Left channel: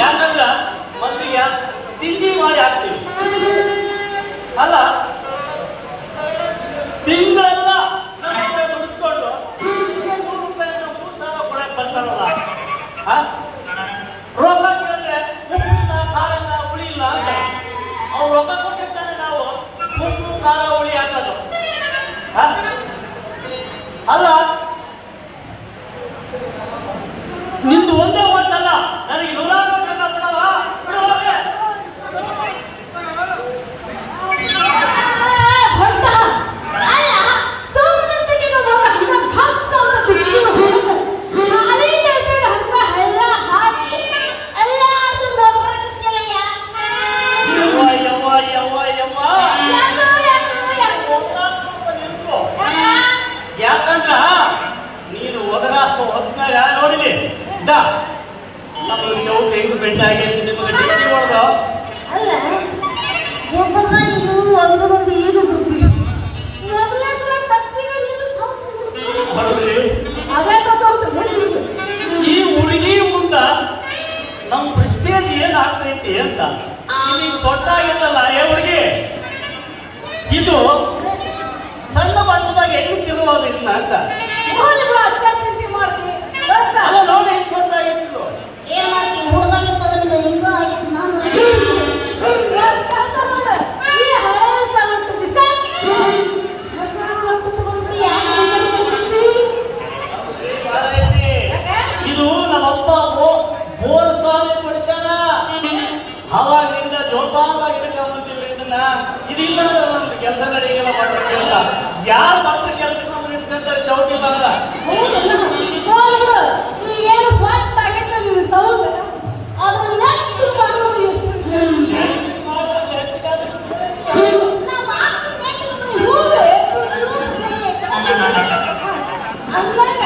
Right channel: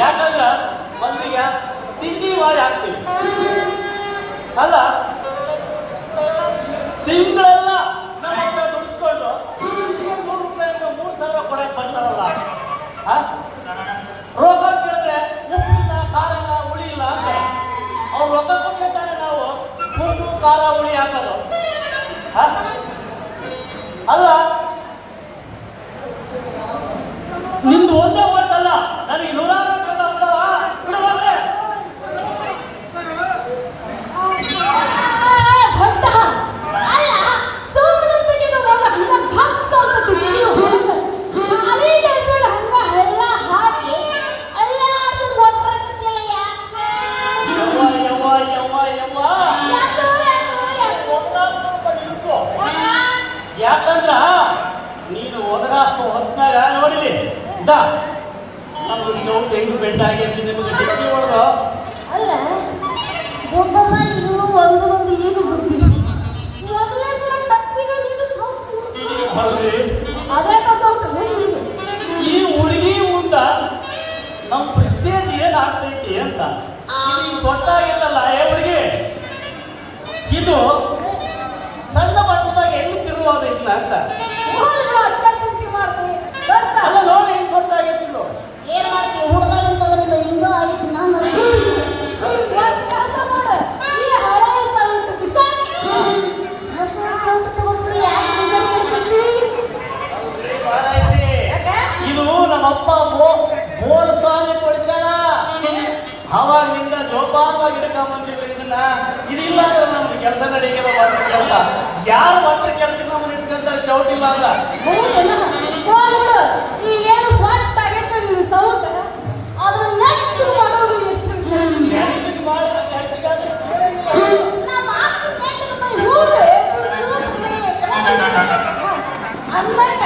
ಯಾಕಂದ್ರೆ ಮೊದಲಿಗೆ ತಿಂಡಿ ಮಾಡಿ ಹಾಕ್ತೀವಿ ಅಲ್ಲ, ತಿಂಗಳೆಲ್ಲ ನಮ್ಮ ದುಡಿಸ್ಕೊಂಡು 100 ರೂಪಾಯಿ 3,000 ಕೊಡಕ್ ಬರ್ತಾರಲ್ಲ, ರೊಕ್ಕ ಕೇಳಿದ್ರೆ ಉಪ್ಪಿನ ಖಾರನ ಹುಳಿ ಇಲ್ಲ ಅಂತ ಅವ್ರು ರೊಕ್ಕ ಕೊಟ್ಟಿರ್ತಾನೆ, ನಾವು ಉಪ್ಪು ಖಾರ ಹುಳಿ ಹಾಕೋದು ಅಲ್ಲ. ನಿಂದು ಒಂದೇ ಓಟಲ್ಲ, ನನಗೆ 100 ಓಟಲ್ಲ ಬಿಡವ ಬಿಡುವ. ಯಾಕಂದ್ರ ನೀನು ಹೊತ್ನಾಗ ನೋಡಿಲಿ ನಮ್ಮ ಚೌಕ ಹೆಂಗ್ ಬೆಂಡ ಆಗೈತಿ ನಿಮಗೆ ಡಿಗ್ರಿ ಮಾಡೋದು ಅಲ್ಲ. ಒಂದು ಏನು ಬುದ್ಧಿ ಮೊದಲೇ ಸಲ ಟಚ್ಚಿಗೆ ಈ ಹುಡುಗಿ ಮುಂದ ನಮ್ಮ ಪ್ರೆಸ್ಟೇಜ್ ಏನ್ ಆಗ್ತೈತಿ ಅಂತ ಈಗ ಸೊಟ್ಟಾಗಿತ್ತಲ್ಲ. ಏ ಹುಡುಗಿ, ಇದು ಸಣ್ಣ ಬಣ್ಣದಾಗ ಹೆಣ್ಣು ತಿರುವುದಿಲ್ಲ ಅಂತ ಚಿಂತೆ ಮಾಡ್ತೀವಿ ಅಲ್ಲ. ನೋಡಿ ಹೆಂಗ್ ಕೊಟ್ಟಾಗಿತ್ತು, ಏನ್ ಮಾಡ್ತೀವಿ ಹುಡುಗನಿಂದ ಹಿಂಗ ಆಗಿತ್ತು. ನಾನು ಇದು ನಮ್ಮಪ್ಪ ಮೋರ ಸ್ವಾಮಿ ಕೊಡಿಸ್ಯಾನ. ಅವಾಗಿಂದ ಜೋಪಾನವಾಗಿ ಹಿಡ್ಕೊಂಬಂದಿಲ್ಲ ಇದನ್ನ. ಇದಿಲ್ಲ ಅಂದ್ರೆ ನಮ್ದು ಕೆಲಸ ನಡೆಯಲ್ಲ. ಕೆಲಸ ಯಾವ ಒಟ್ಟು ಕೆಲಸ ಇಟ್ಕೊಂತಾರೆ ಚೌಟಿ ಬರಲ್ಲ. ಈಗೇನು ಸ್ವಂತ ಆಗಿತ್ತು ನೀವು ಸೌಂಡ್ ಅದ್ರ ನೆಟ್ಟು ಮಾಡೋದು ಎಷ್ಟು ಅಂದಾಗ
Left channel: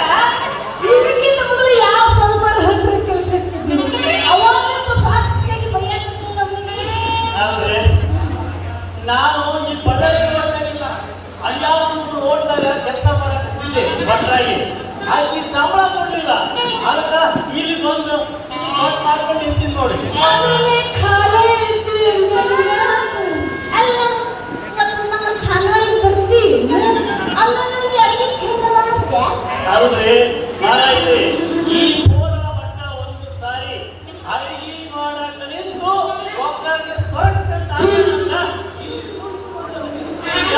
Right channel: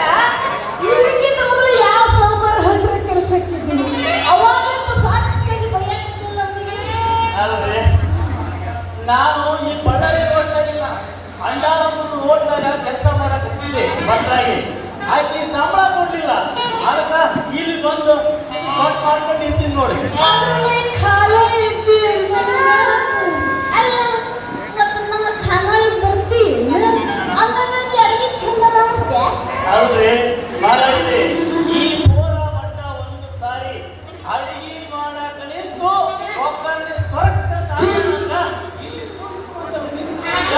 ಇದಕ್ಕಿಂತ ಮೊದಲು ಯಾವ ಸೌಕರ್ಯ ಹತ್ತಿರ ಕೆಲಸಕ್ಕಿದ್ದೀವಿ ಅವಾಗಂತೂ ಸ್ವಚ್ಛಗೆ ಬೈಯಾಕತ್ತಿಲ್ಲ ನಮಗೆ. ಆದ್ರೆ ನಾನು ಈ ಬಳ್ಳಾರಿ ಓಟ್ನಾಗಿಲ್ಲ, ಅಂಜಾಳ ಮತ್ತು ಓಟ್ನಾಗ ಕೆಲಸ ಮಾಡಕ್ಕೆ ಬದಲಾಗಿ ಆಕೆ ಸಂಬಳ ಕೊಡ್ಲಿಲ್ಲ. ಅದಕ್ಕೆ ಇಲ್ಲಿ ಬಂದು ಮಾಡ್ಕೊಂಡು ನಿಂತೀನಿ ನೋಡಿ. ಖಾಲಿ ಇದ್ದಿ ಅಲ್ಲ, ಮತ್ತೆ ನಮ್ಮ ಖಾನಾಳಿಗೆ ಬರ್ತಿ ಅಂದಾಗ ಅಡಿಗೆ ಚಂದ ಮಾಡ್ತೆ. ಹೌದ್ರಿ, ಈ ಗೋರ ಮಟ್ಟ ಒಂದು ಸಾರಿ ಅಡಿಗೆ ಮಾಡಕ ನಿಂತು ಒಬ್ಬರಿಗೆ ಸ್ವರ್ಗ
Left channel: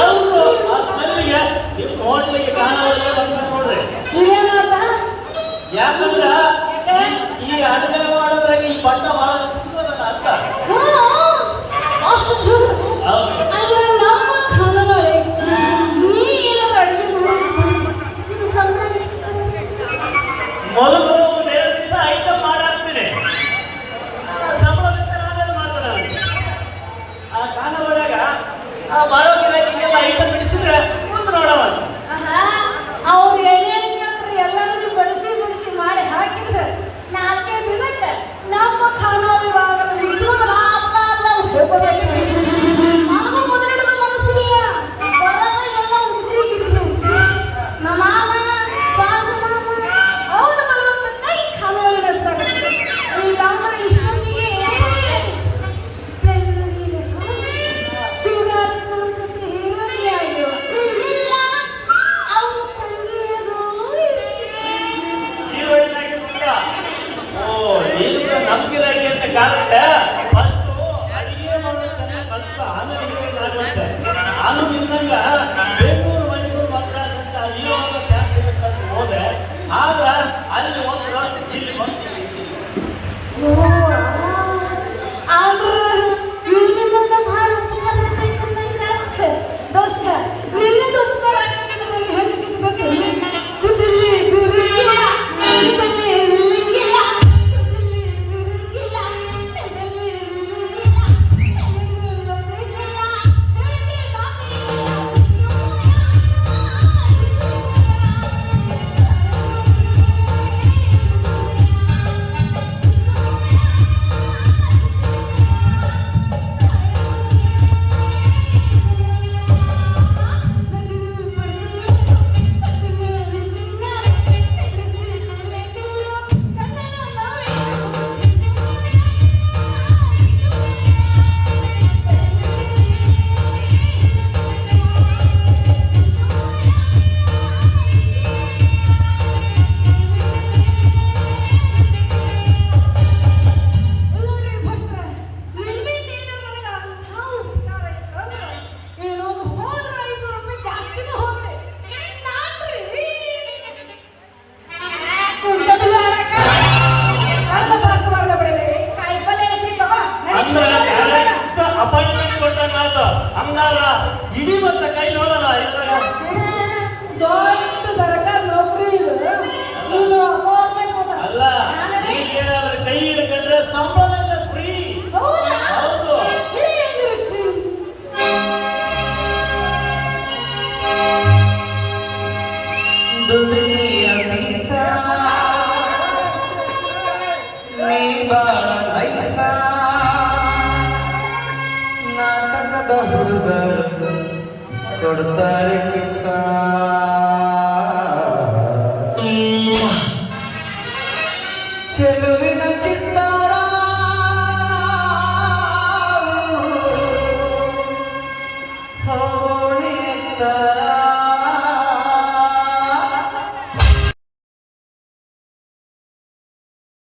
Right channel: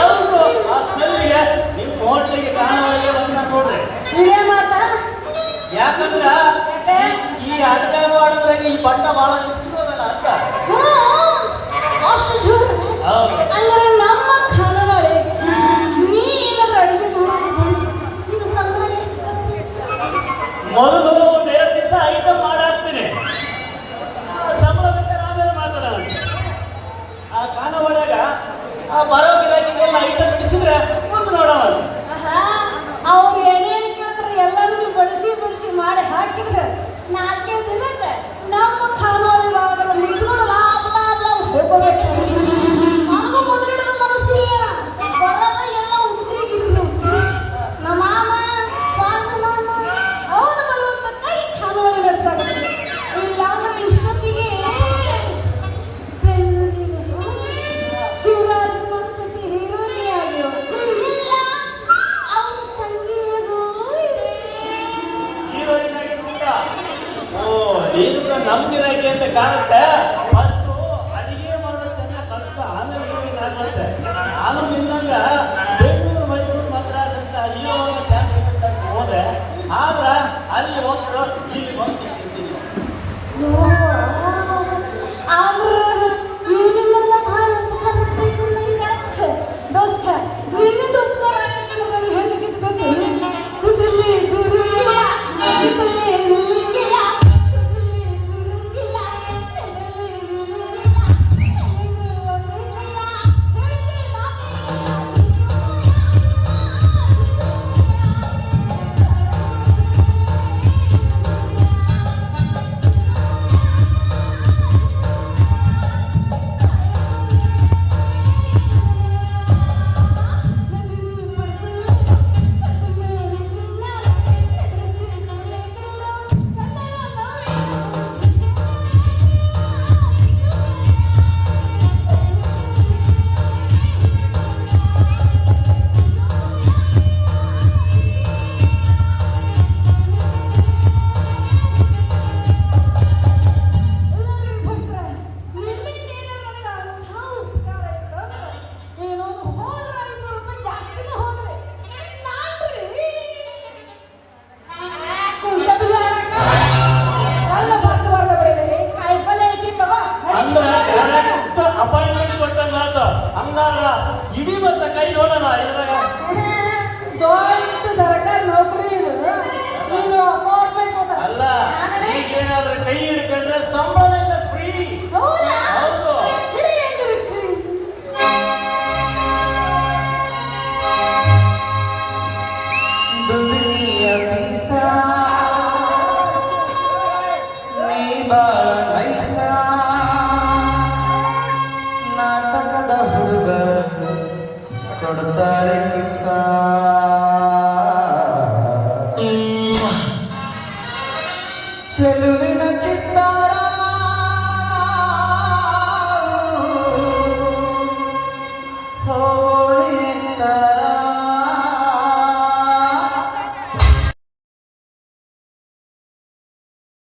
ಎಲ್ಲರೂ ಆ ಸ್ಮೆಲ್ಗೆ ನಿಮ್ಮ ಹೋಟ್ಲಿಗೆ ಕಾಣೋರಿಗೆ ಬಂದ ನೋಡ್ರಿ. ಇದೇ ಮಾತಾ? ಯಾಕಂದ್ರ ಈ ಅಡುಗೆ ಮಾಡೋದ್ರಾಗ ಈ ಬಣ್ಣ ಬಹಳ ಸಿಗೋದಲ್ಲ ಅಂತ. ಅಷ್ಟು ಜೋರು ಅಂದ್ರೆ ನಮ್ಮ ಖಾನಾಳಿ ನೀ ಏನಾದ್ರು ಅಡುಗೆ ಮಾಡಿ ಈಗ ಸಂಬಳ ಎಷ್ಟು ಮೊದಲು 1-2 ದಿವಸ ಐಟಮ್ ಮಾಡಾಕ್ತೀನಿ, ಸಂಬಳ ಬೇಕಾದ್ರೆ ಆಮೇಲೆ ಮಾತಾಡೋಣ. ಆ ಖಾನಾವಳಿಯಾಗ ಬರೋ ಗಿರಾಕಿಗೆಲ್ಲ ಐಟಮ್ ಬಿಡಿಸಿದ್ರೆ ಮುಂದೆ ನೋಡೋಣ. ಅವ್ರು ಏನೇನು ಕೇಳ್ತಾರೆ ಎಲ್ಲರೂ ನೀವು ಬಡಿಸಿ ಮಾಡಿ ಹಾಕಿದ್ರೆ 4 ದಿನಕ್ಕೆ ನಮ್ಮ ಖಾನಾವಳಿ ಮುಚ್ಚಿಕೊಂಡು ಹೋಗ್ಬೇಕು. ನನಗೂ ಮೊದಲಿಡೋದು ಮನಸ್ಸಿಲ್ಲ, ಬರೋದ್ರೆ ಎಲ್ಲ ಉದ್ರಿಗಿದ್ರೆ ನಮ್ಮ ಮಾಮ ಸ್ವಾಮಿ ಮಾಮ ಅವನ ಬರುವಂತಾಗಿ ಖಾನಾವಳಿ ನಡೆಸಾಗುತ್ತೆ. ಇಲ್ಲ ಅಂದ್ರೆ ಇಷ್ಟೊತ್ತಿಗೆ ಬೆಂಗಳೂರಿಗೆ ಶಿವರಾಜ್ ಜೊತೆ ಹೀರೋಯಿನ್ ಆಗ್ಯೋ ಇಲ್ಲ ಅವನ ತಂಗಿಯದು ಹೀರೋಯಿನ್ ಆಗಿರ್ಬೇಕ. ಓ, ನೀನು ನಮ್ ಗಿರಾಕಿ ಅಂತ ಕಾಣುತ್ತೆ. ಫಸ್ಟ್ ಅಡಿಗೆ ಮಾಡೋ ಚೆನ್ನಾಗಿ ಫಸ್ಟ್ ಆಮೇಲೆ ಹೀರೋಯಿನ್ ಆಗುತ್ತೆ. ನಾನು ನಿನ್ನಂಗ ಬೆಂಗಳೂರು ಮೈಸೂರು ಮದ್ರಾಸ್ ಅಂತ ಹೀರೋ ಚಾನ್ಸ್ ಸಿಗುತ್ತೆ ಅಂತ ಹೋದೆ. ಆದ್ರ ಅಲ್ಲಿ ಹೋಗ್ಬಿಡೋ ಇಲ್ಲಿ ಹೋಗ್ತೀನಿ. ದೋಸ್ತ ನಿನ್ನದು ಉಪಕಾರ ಹೆಂಗೆ ಗೊತ್ತು? ಕೊಡ್ತಾರೆ ಕಿಸ್ಸ ಚೆಲುವೆ